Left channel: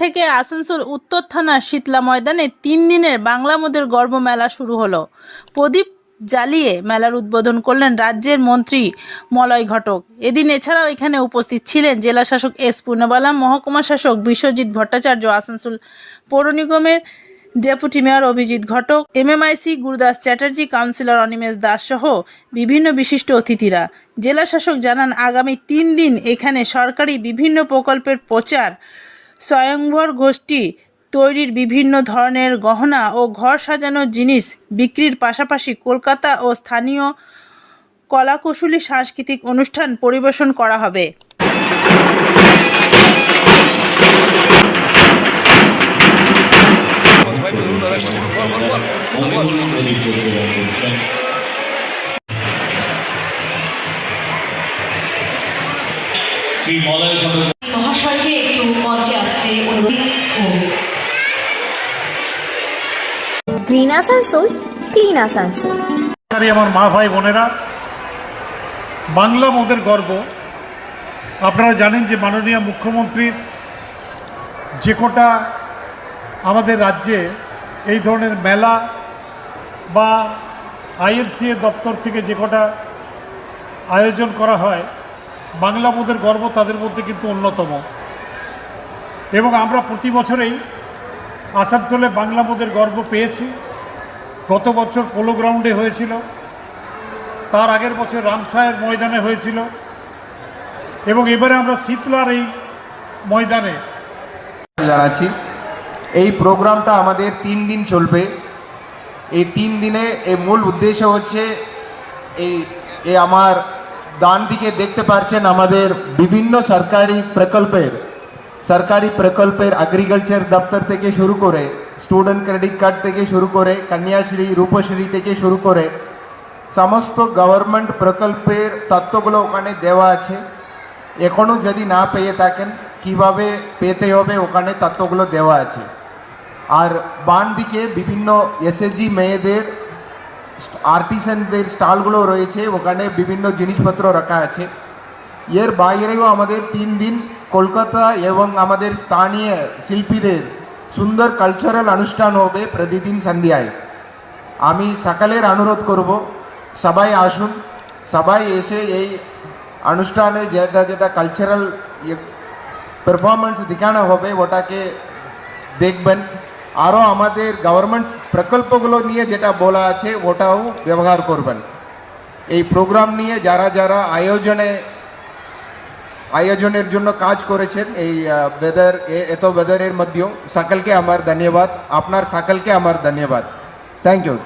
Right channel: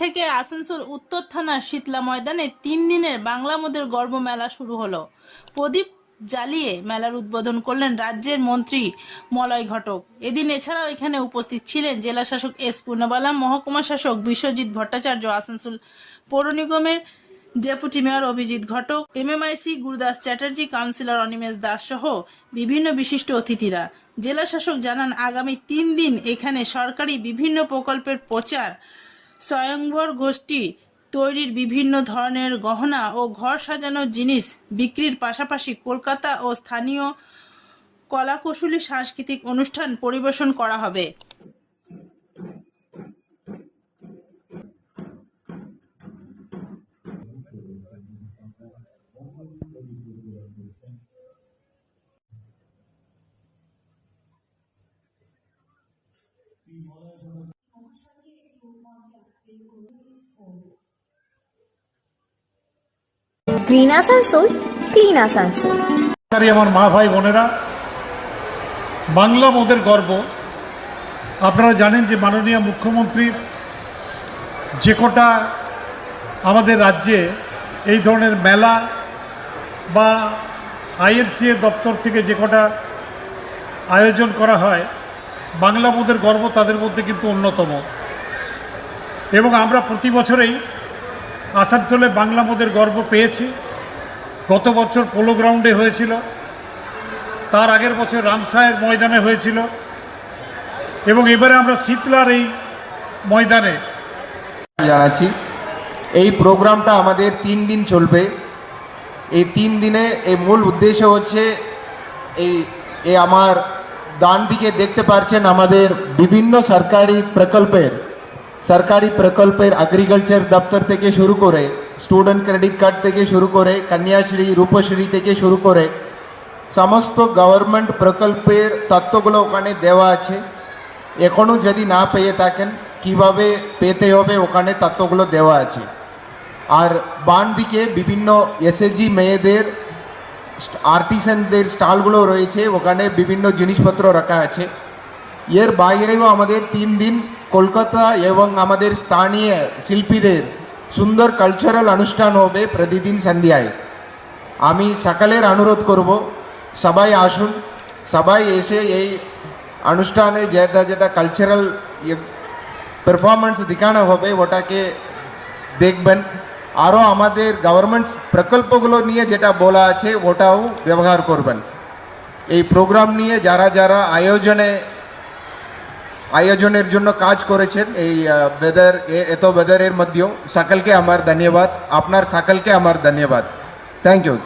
থেকে আসানসোল উত্তর শীতলা ময়দানে তিন দিনের বাংলা মোদের গর্ব মেলা শুরু হলো। প্রদীপ জ্বালিয়ে মেলার উদ্বোধন করলেন রাজ্যের মন্ত্রী মলয় ঘটক। এদিন এছাড়াও এখানে উপস্থিত ছিলেন জেলা শাসক এস পূর্ণবালা, মহকুমা শাসক বিশ্বজিৎ ভট্টাচার্য, আসানসোল পৌর নিগমের deputy mayor Abhijit Ghatak, MMIC, Gurudas Chatterjee, councillor Animesh Das সহ বিভিন্ন বিশিষ্ট অতিথিরা। জেলা শাসক জানান, আগামী তিন দিন এখানে সরকারি বিভিন্ন প্রকল্পের প্রচার, স্বয়ংভর গোষ্ঠী তৈরির বিভিন্ন ধরনের গহনা ও ঘর সাজানোর জিনিস বিক্রির পাশাপাশি কলকাতা ও স্থানীয় কলাকুশলী সাংস্কৃতিক অনুষ্ঠান পরিবেশন করা হবে। মহাশয়কে একটু মঞ্চে আসতে অনুরোধ গ্রিন আসানসোল ক্লিন আসানসোল আমার মা ভাই বোনেরা বাংলা মোদের গর্ব। আপনারা জানেন যে মাননীয় মুখ্যমন্ত্রীর যে কটা আমাদের রাজ্যে এই ধরনের মেলা বা আইএনসিএ দপ্তর থেকে যে কটা আয়োজন করা হয় বাংলা মোদের গর্ব তাদের মধ্যে কিন্তু অন্যতম। এবং আমরা প্রতি বছরেই আসানসোলে বাংলা মোদের গর্ব পেয়েছি। গত বছর পোলো গ্রাউন্ডে হয়েছিল। তার আগের বছর রামসায়ের ময়দানে হয়েছিল। এবং এবারে আমরা শীতলার এই ময়দানে। জানাচ্ছি এই প্রোগ্রামটা আমাদের তিন দিন চলবে। এই তিন দিনে এই মূল উদ্দেশ্য হচ্ছে এই আমার ডান দিকে দেখতে পাচ্ছেন আমাদের বিভিন্ন সরকারি প্রকল্পের সরকারি প্রকল্পের এগ্রিকালচার দপ্তর থেকে শুরু করে স্টুডেন্ট ক্রেডিট কার্ড থেকে শুরু করে, কন্যাশ্রী, রূপশ্রী থেকে শুরু করে, সমস্ত গভর্নমেন্ট প্রকল্পের তত্ত্বগুলো ওখানে দেওয়া আছে। এখনও যদি না পেয়ে থাকেন, কীভাবে পেতে হবে ওখানে তত্ত্বগুলো দেওয়া আছে। আর বান দিকে বিভিন্ন এসএসজি মেয়েদের আর্টিসানদের স্টলগুলো রয়েছে, ওখানে বিভিন্ন জিনিসপত্র রাখা আছে। এর বাইরেও আমাদের তিন দিন কলকাতা এবং আমাদের স্থানীয় শিল্পীদের সুন্দর কালচারাল অনুষ্ঠান হবে প্রতিদিন সন্ধ্যায়। আমি সকালের অনুরোধ করব, সবাই আসুন, সবাই এসে এই অনুষ্ঠানে যেটা যেটা কালচারাল পারফরমেন্স দেখানো হবে, ওটাকে দেখবেন। আরও আমাদের গভর্নমেন্ট প্রকল্পগুলো নিয়ে যেটা বলা আছে, ওটাও ব্যবহার করবেন। এই প্রোগ্রাম নিয়ে যারা যারা আয়োজনে, আয়োজনের জন্য কাজ করেছেন, এই বেদার এত বেদারের মধ্যেও, সকলকে আমার ধন্যবাদ। আপনার সকলকে আমার ধন্যবাদ। Thank you